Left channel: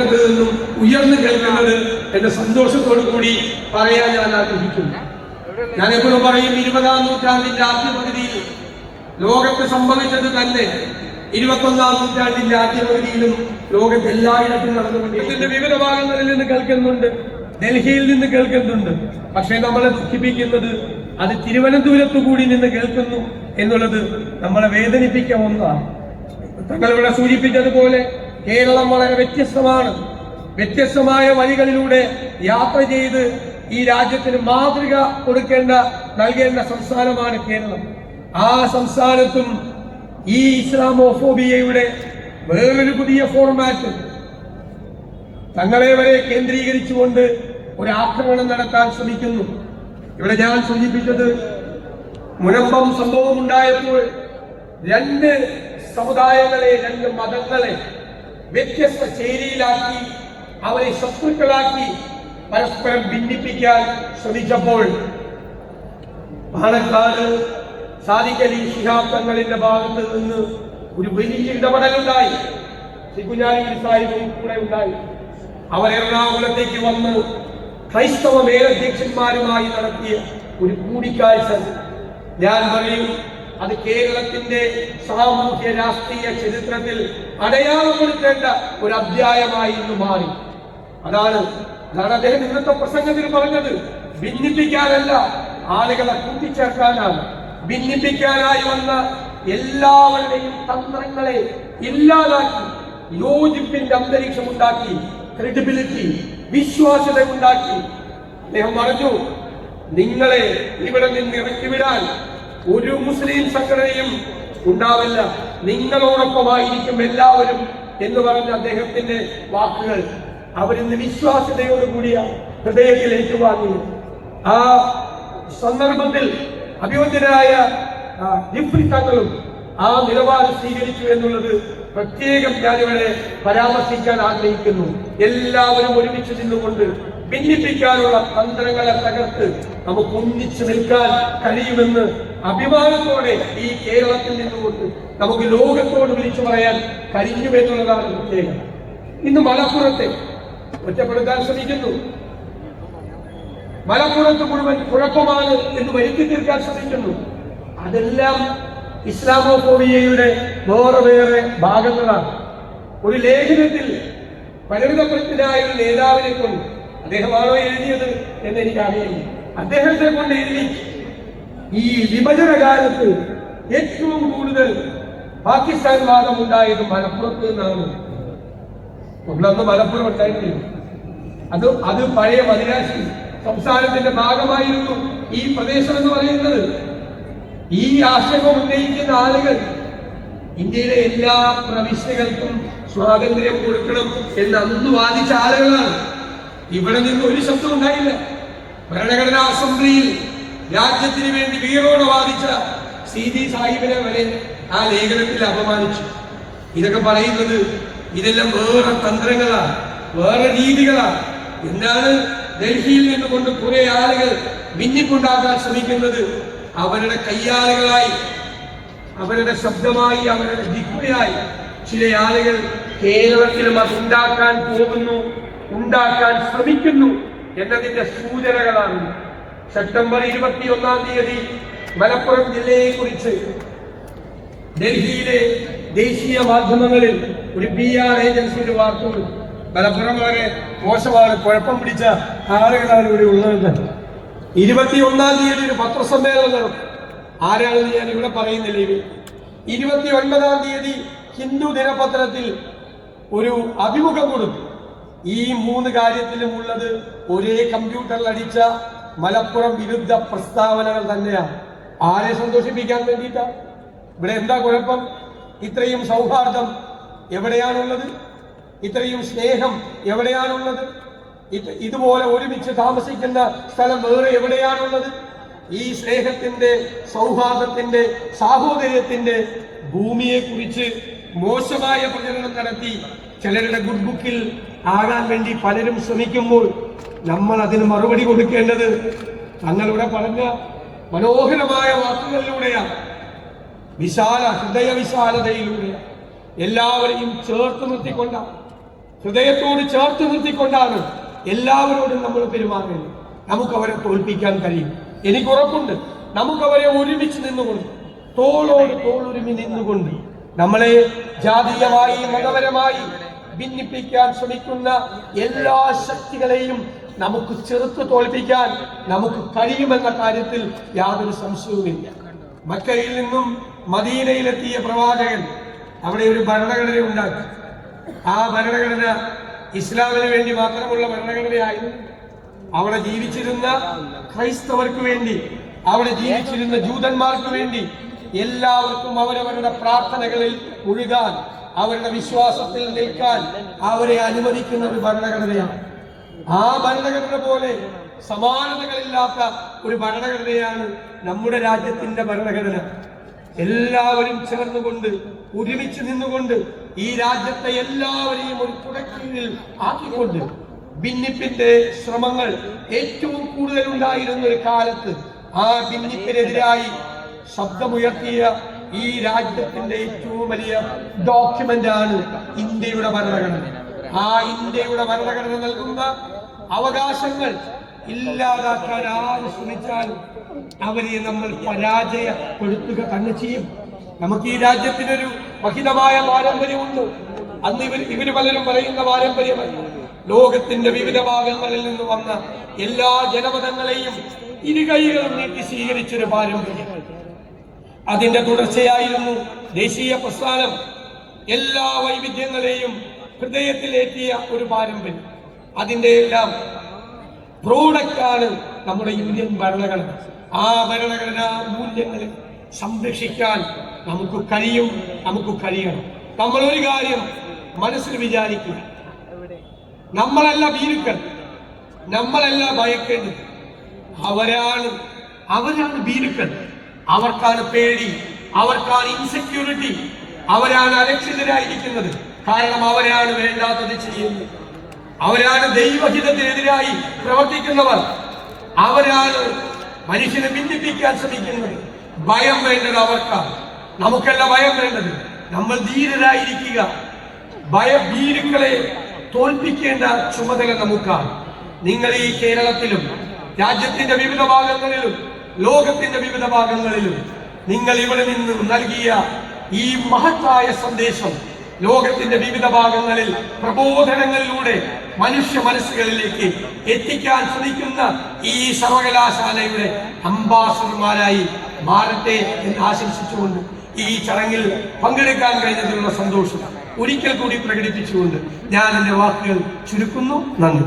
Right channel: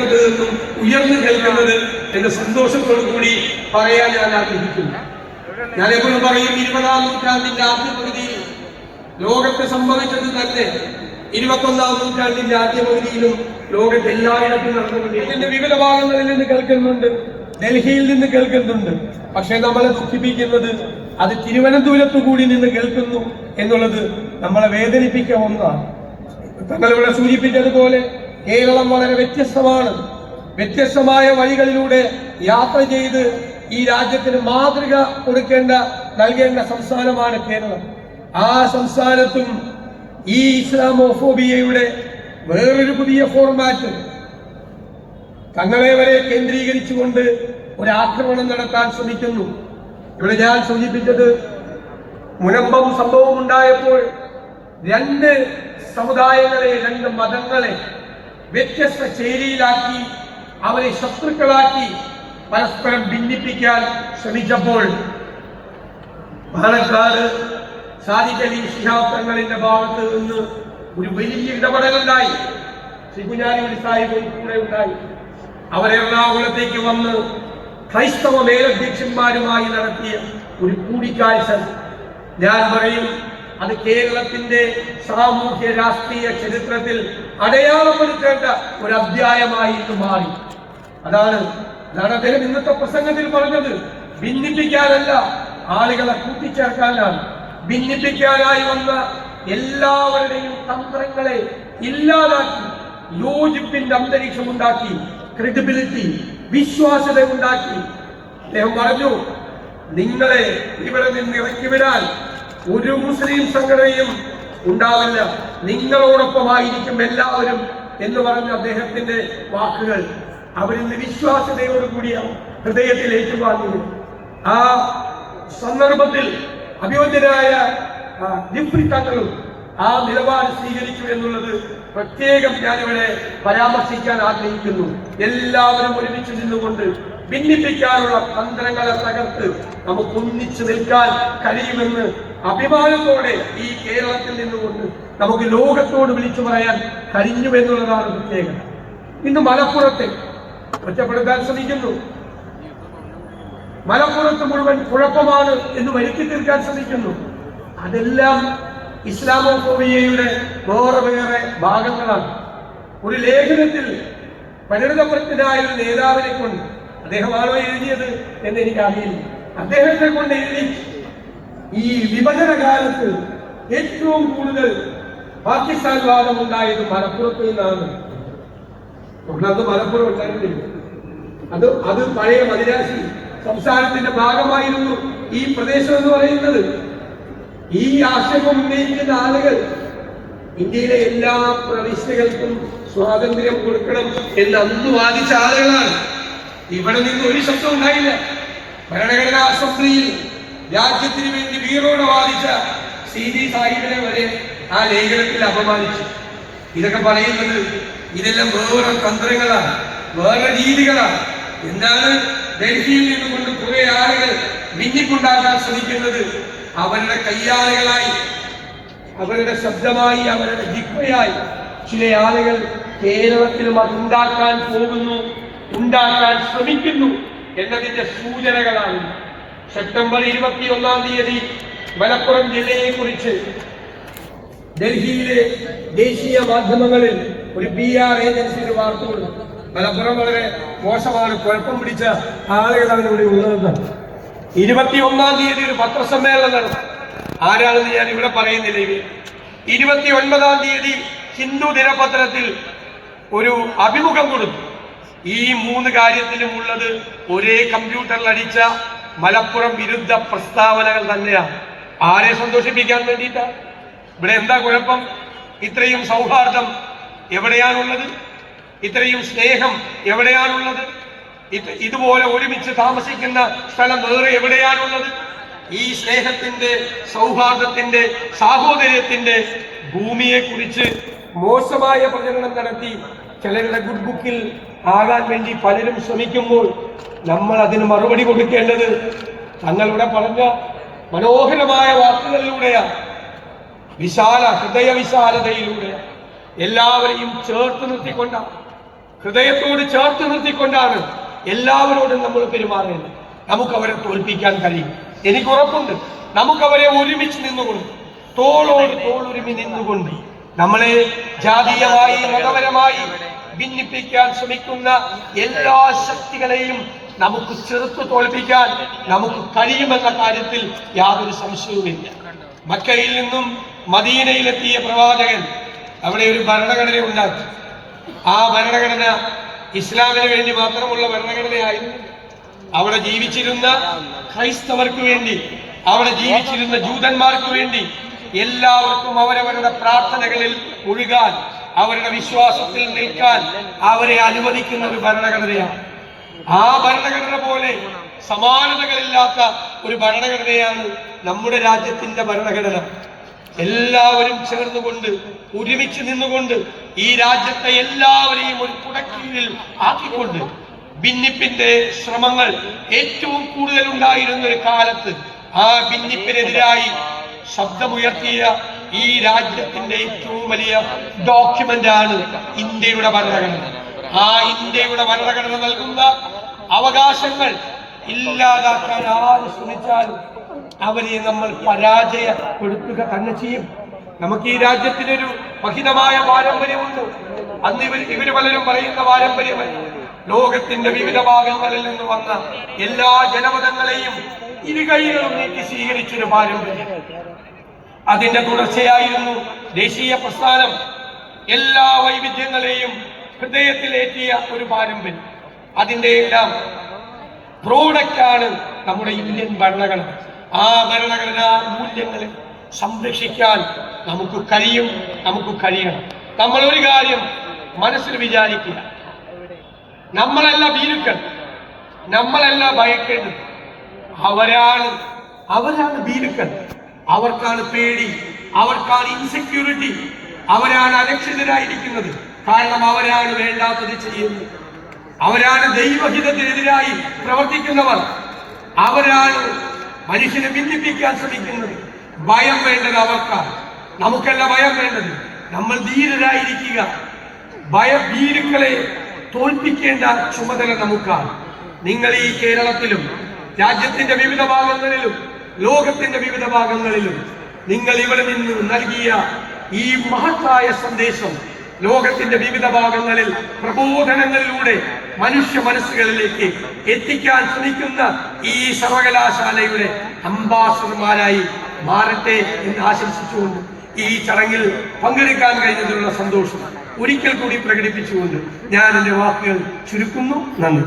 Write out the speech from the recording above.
നിന്നും ഉയർന്നു കേൾക്കുന്നത് എന്ന സന്തോഷത്തോടു കൂടി പറയാൻ ഞാൻ ആഗ്രഹിക്കുന്നു. ഞാൻ എപ്പോഴും പറയും, 20-ാം നൂറ്റാണ്ടിന്റെ ആദ്യ പകുതിയിൽ ലോകത്ത് സംഭവിച്ചത് തന്നെ 21-ാം നൂറ്റാണ്ടിന്റെ ആദ്യ പകുതിയിലും ലോകത്ത് എല്ലായിടത്തും നടന്നുകൊണ്ട് ഇതിന്റെ വിവിധ ഭാഗങ്ങളിൽ നിന്ന് കേൾക്കുന്നുണ്ട്, ഡൽഹിയിൽ നിന്ന് കേൾക്കുന്നുണ്ട്. പക്ഷെ നമ്മളെ ദുഃഖിപ്പിക്കുന്നത് അത് തിരുവനന്തപുരത്തു കൂടി നിന്ന് കേൾക്കുന്നു എന്നുള്ളത് നമ്മളെ വേദനിപ്പിക്കാൻ ഒന്നാണ്. തങ്ങളിവിടെ സൂചിപ്പിച്ചതുപോലെ കേരളം വളരെ വ്യത്യസ്തമാണ്. വ്യത്യസ്തമായ വഴികളിലൂടെ യാത്ര ചെയ്ത് ഈ രാജ്യത്തിന് മാതൃക നൽകേണ്ട സംസ്ഥാനമാണ് കേരളം. ആ സംസ്ഥാനത്തും ഈ ഇസ്ലാമോഫോബിയയുടെ വേറൊരു പുതിയ ഫോർമാറ്റ് തങ്ങളെ വരെ കേന്ദ്രീകരിച്ചുകൊണ്ട് ഒരു ആക്രമണം നടത്താൻ ശ്രമിക്കുന്നു. ഇവിടെ ഞാൻ സൂചിപ്പിച്ചത്, മുനമ്പം സംഭവം ഉണ്ടായപ്പോൾ രണ്ട് സമുദായങ്ങളെ, രണ്ട് മതങ്ങളെ വ്യത്യസ്ത ചേരിയിലാക്കി അവരെ ശത്രുക്കളാക്കി പരസ്പരം ഭിന്നിപ്പിക്കാൻ ശ്രമിച്ചപ്പോൾ പാലക്കാട് സാദിഖ് അലി ശിഹാബ് തങ്ങളുടെ ഭാഗത്ത് നിന്ന് ഒരു വലിയ ഇടപെടലുണ്ടായി. ശ്രീ കുഞ്ഞാലിക്കുട്ടി സാഹിബും കൂടെ ഉണ്ടായി. അവർ എറണാകുളത്തേക്ക് വന്ന് ക്രൈസ്തവ മേലധ്യക്ഷന്മാരുമായി നടത്തിയ ഒരു കൂടിക്കാഴ്ച, ഞാൻ പറയും, അത് കേരളത്തിന്റെ സാമൂഹ്യ രാഷ്ട്രീയ ചരിത്രത്തിൽ അടയാളപ്പെടുത്തേണ്ട ഒരു അധ്യായമായി ഇന്ന് മാറി. അതാണ് അദ്ദേഹം ഇന്നത്തെ പ്രസംഗത്തിൽ പറഞ്ഞത്. ഭിന്നിപ്പിക്കാനല്ല, ആളുകളെ കൂട്ടിച്ചേർക്കാനാണ്. ഭിന്നിപ്പിക്കാനായി വന്ന എല്ലാവരുടെയും തന്ത്രങ്ങളെ ഇല്ലാതാക്കി യോജിപ്പിന്റെ അന്തരീക്ഷം ഉണ്ടാക്കി, ക്രെഡിബിലിറ്റി, വിശ്വാസ്യത ഉണ്ടാക്കി. അദ്ദേഹം പറഞ്ഞു, നിങ്ങളെ ഇവിടെ നിന്ന് ഇറക്കിവിടാൻ ഒരു മുസ്ലിം സംഘടനയും ഉണ്ടാവില്ല, നിങ്ങളോടൊപ്പമായിരിക്കും എല്ലാവരും എന്ന് പറഞ്ഞ അദ്ദേഹത്തിന്റെ വാക്കുകൾ അവരിന്ന് വിശ്വാസ്യതയോടുകൂടിയ ഹൃദയത്തിൽ ഏറ്റുവാങ്ങി. ആ സന്ദർഭത്തിൽ അഭിയോജ്യരായ ജിഫ്രി തങ്ങളും ആ നിലപാട് സ്വീകരിച്ചു എന്നുള്ളത് പ്രത്യേകം ഞാനിവിടെ പരാമർശിക്കാൻ ആഗ്രഹിക്കുന്നു. എല്ലാവരും ഒരുമിച്ച് നിന്നുകൊണ്ട് ഭിന്നിപ്പിക്കാനുള്ള തന്ത്രങ്ങളെ തകർത്ത് നമുക്ക് ഒന്നിച്ചു നിൽക്കാൻ കഴിയുമെന്ന് അഭിമാനത്തോടെ ഈ കേരളത്തിൽ നിന്നുകൊണ്ട് നമുക്ക് ലോകത്തോട് വിളിച്ചു പറയാൻ കഴിഞ്ഞു എന്നുള്ളതാണ് പ്രത്യേകത. ഇന്ന് മലപ്പുറത്തെ ഒറ്റപ്പെടുത്താൻ ശ്രമിക്കുന്നു. മലപ്പുറത്ത് മുഴുവൻ കുഴപ്പമാണ് എന്ന് വരുത്തി തീർക്കാൻ ശ്രമിക്കുന്നു. അതെല്ലാം ഇസ്ലാമോഫോബിയയുടെ വേറെ ഭാഗങ്ങളാണ്. ഒരു ലേഖനത്തിൽ പരിണിതപ്രജ്ഞനായ ഒരു നേതാവിനെ കൊണ്ട്, അദ്ദേഹമാണോ എഴുതിയത് എന്ന് എനിക്കറിയില്ല, അദ്ദേഹത്തെ കൊണ്ട് എഴുതി ഈ വിഭജന കാലത്ത് ഏറ്റവും കൂടുതൽ പാകിസ്ഥാൻ വാദം ഉണ്ടായത് മലപ്പുറത്ത് നിന്നാണ്. ഒന്നത് മലപ്പുറം ഉണ്ടായിട്ടില്ല. അത് പഴയ മദിരാശി സംസ്ഥാനത്തിന്റെ ഭാഗമായിരുന്നു ഈ പ്രദേശം എന്ന് പറയുന്നത്. ഈ ആശയം ഉന്നയിക്കുന്ന ആളുകൾ ഇന്ത്യയിലെ എല്ലാ പ്രവിശ്യകൾക്കും സ്വാതന്ത്ര്യം കൊടുക്കണം എന്ന് അന്ന് വാദിച്ച ആളുകളാണ്. ഇവിടെ നിന്ന് ഒരു ശബ്ദം ഉണ്ടായില്ല. ഭരണഘടനാ അസംബ്ലിയിൽ രാജ്യത്തിന് വേണ്ടി വീറോടെ വാദിച്ച CD സാഹിബിനെ വരെ ആ ലേഖനത്തിൽ അപമാനിച്ചു. ഇതൊക്കെ പറയുന്നത് ഇതെല്ലാം വേറെ തന്ത്രങ്ങളാണ്, വേറെ രീതികളാണ്. എന്താണ് ഡൽഹിയിൽ നിന്നുകൊണ്ട് കുറെ ആളുകൾ ഭിന്നിപ്പുണ്ടാക്കാൻ ശ്രമിക്കുന്നത്? അവരുടെ കയ്യാളുകളായി, അവരുടെ ശബ്ദമായി, അവരുടെ ജിഹ്വയായി ചില ആളുകൾ കേരളത്തിലും അത് ഉണ്ടാക്കാൻ പോകുന്നു, ഉണ്ടാക്കാൻ ശ്രമിക്കുന്നു എന്നതിന്റെ സൂചനകളാണ്. സെപ്റ്റംബർ 21-ാം തീയതി മലപ്പുറം ജില്ലയെ കുറിച്ച് ഡൽഹിയിലെ ദേശീയ മാധ്യമങ്ങളിൽ ഒരു PR ഏജൻസിയുടെ വാർത്തകൾ. മലപ്പുറം വളരെ മോശമാണ്, കുഴപ്പം പിടിച്ച ആളുകളാണ് ഇവിടെ ഉള്ളത്. 21-ാം തീയതി ഒരു പത്രസമ്മേളനം നടത്തും. ആരാണെന്ന് ഞാൻ ഇവിടെ പറയുന്നില്ല. 29-ാം തീയതി ഹിന്ദു ദിനപത്രത്തിൽ ഒരു അഭിമുഖം കൊടുത്തു. ഈ 3 കാര്യത്തിലും ഉള്ളത് ഒരേ കമ്പ്യൂട്ടറിൽ അടിച്ച മലപ്പുറം വിരുദ്ധ പ്രസ്താവനകൾ തന്നെയാണ്. ആരെ സന്തോഷിപ്പിക്കാൻ വേണ്ടിയിട്ടാ? ഇവിടെ എന്താ കുഴപ്പം? ഇത്രയും സൗഹാർദ്ദം എവിടെയാണുള്ളത്? ഇത്രയും സ്നേഹം എവിടെയാണുള്ളത്? ഇതുപോലെ ഒരുമിച്ച് താമസിക്കുന്ന സ്ഥലം വേറെ എവിടെയാണുള്ളത്? ഈ സ്നേഹത്തിന്റെ, സൗഹാർദ്ദത്തിന്റെ, സാഹോദര്യത്തിന്റെ ഭൂമിയെ കുറിച്ച് മോശമായ പ്രചരണം നടത്തി ചിലരുടെ ഗുഡ് ബുക്കിൽ ആകാൻ വേണ്ടി പലരും ശ്രമിക്കുമ്പോൾ നമ്മൾ അതിന് മറുപടി കൊടുക്കേണ്ടത് തങ്ങളുടെ പറഞ്ഞ മനോഹരമായ വാക്കുകളിലൂടെയാണ്, ഹൃദയ വിശാലതയിലൂടെ എല്ലാവരെയും ചേർത്ത് നിർത്തിക്കൊണ്ടാണ്. ഹൃദയത്തോട് ചേർത്ത് നിർത്തിക്കൊണ്ടാണ് എല്ലാവരോടും നമ്മൾ പെരുമാറേണ്ടത്. നമുക്കവരെ തോൽപ്പിക്കാൻ കഴിയും. എനിക്ക് ഉറപ്പുണ്ട്, നമുക്കവരെ ഒരുമിച്ച് നിന്നുകൊണ്ട്, തോളോട് തോളുരുമി നിന്നുകൊണ്ട്, നമ്മളെ ജാതീയമായി മതപരമായി ഭിന്നിപ്പിക്കാൻ ശ്രമിക്കുന്ന എല്ലാ ശക്തികളെയും നമുക്ക് ചെറുത്തു തോൽപ്പിക്കാൻ നമുക്ക് കഴിയുമെന്ന കാര്യത്തിൽ യാതൊരു സംശയവുമില്ല. മക്കയിൽ നിന്നും മദീനയിലെത്തിയ പ്രവാചകൻ അവിടെ ഒരു ഭരണഘടന ഉണ്ടാക്കി. ആ ഭരണഘടന ഇസ്ലാമിന് വേണ്ടി മാത്രമുള്ള ഭരണഘടനയായിരുന്നു. അവിടെ ജീവിച്ചിരുന്ന ക്രൈസ്തവർക്ക് വേണ്ടി, അവിടെ ജീവിച്ചിരുന്ന ജൂതന്മാർക്ക് വേണ്ടി എല്ലാവർക്കും അവരവരുടെ പ്രാർത്ഥനകളിൽ മുഴുകാൻ, അവരുടെ വിശ്വാസത്തിൽ നിൽക്കാൻ അവരെ അനുവദിക്കുന്ന ഒരു ഭരണഘടനയാണ്. ആ ഭരണഘടന പോലെ സമാനതകളില്ലാത്ത ഒരു ഭരണഘടനയാണ് നമ്മുടെ രാജ്യത്തിന്റെ ഭരണഘടന. എല്ലാവരും ചേർന്നുകൊണ്ട്, ഒരുമിച്ച് നിന്നുകൊണ്ട്, ഈ രാജ്യത്തെ എല്ലാവരെയും ഒരു കുടക്കീഴിൽ ആക്കിക്കൊണ്ട്, ഭിന്നിപ്പിന്റെ ശ്രമങ്ങൾ ഏറ്റവും കൂടുതൽ ഉണ്ടായിരുന്ന ഒരു കാലത്ത് ആ ഭിന്നിപ്പിനെതിരായി ശബ്ദമുയർത്തിയ ഈ രാജ്യത്തിന്റെ ഏറ്റവും വലിയ ഡോക്യുമെന്റ് ആണ് ഇന്ത്യയുടെ ഭരണഘടന. ആ ഇന്ത്യയുടെ ഭരണഘടന നൽകുന്ന അവകാശങ്ങൾ ഇല്ലാതാക്കാൻ ആര് ശ്രമിച്ചാലും അവരെ നമ്മൾ പരാജയപ്പെടുത്തുക തന്നെ ചെയ്യും. നമുക്ക് ഈ രാജ്യത്തിനൊരു മഹിതമായ പാരമ്പര്യമുണ്ട്. അന്ന് ഇവര് പലരും പറയുന്ന പാരമ്പര്യമല്ല. ലോകത്തിന്റെ വിവിധ ഭാഗങ്ങളിൽ നിന്ന് വന്ന എല്ലാ ജനപദങ്ങളെയും ഇരുകൈകളും നീട്ടി സ്വീകരിച്ചൊരു പാരമ്പര്യം. അതിന്റെ തുടർച്ചയായിരുന്നു ദേശീയ പ്രസ്ഥാനം. എല്ലാ വൈവിധ്യങ്ങളെയും ഹൃദയത്തിലേറ്റിയ ഒരു പാരമ്പര്യം. അതിന്റെ എല്ലാം പ്രോഡക്റ്റാണ് നമ്മുടെ ഇന്ത്യൻ ഭരണഘടന. ആ ഭരണഘടനാ മൂല്യങ്ങളെ സംരക്ഷിക്കാൻ നമുക്ക് കഴിയും, നമുക്ക് കഴിയണം. നമ്മൾ ഒരു കാര്യം മനസ്സിൽ വിചാരിക്കുക, നമ്മളല്ല ഭീരുക്കൾ, നമ്മളല്ല ഭയക്കേണ്ടത്. അവരാണ് ഭീരുക്കൾ. അവർക്കാണ് പേടി, അവർക്കാണ് ഇൻസെക്യൂരിറ്റി, അവരാണ് അരക്ഷിതരായിരിക്കുന്നത്. കാരണം അവരാണ് വേണ്ടാത്തത് ചെയ്യുന്നത്, അവരാണ് ദൈവഹിതത്തിനെതിരായി പ്രവർത്തിക്കുന്നവർ, അവരാണ് മനുഷ്യനെ ഭിന്നിപ്പിക്കാൻ ശ്രമിക്കുന്നത്. ഭയം വേണ്ടത് അവർക്കാണ്, നമുക്കല്ല ഭയം വേണ്ടത്. നമ്മൾ ധീരരായിരിക്കുക. ഭീരുക്കളെ തോൽപ്പിക്കേണ്ട ചുമതല നമുക്കാണ്. നിങ്ങൾ ഈ കേരളത്തിലും രാജ്യത്തിന്റെ വിവിധ ഭാഗങ്ങളിലും ലോകത്തിന്റെ വിവിധ ഭാഗങ്ങളിലും നിങ്ങൾ ഇവിടെ നിന്ന് നൽകിയ ഈ മഹത്തായ സന്ദേശം ലോകത്തിന്റെ വിവിധ ഭാഗങ്ങളിൽ പ്രബോധനങ്ങളിലൂടെ മനുഷ്യ മനസ്സുകളിലേക്ക് എത്തിക്കാൻ ശ്രമിക്കുന്ന ഈ സർവകലാശാലയുടെ അംബാസഡർമാരായി മാറട്ടെ എന്ന് ആശംസിച്ചുകൊണ്ട് ഈ ചടങ്ങിൽ പങ്കെടുക്കാൻ കഴിഞ്ഞതിലുള്ള സന്തോഷം ഒരിക്കൽ കൂടി പ്രകടിപ്പിച്ചുകൊണ്ട് ഞാൻ എന്റെ വാക്കുകൾ ചുരുക്കുന്നു. നന്ദി.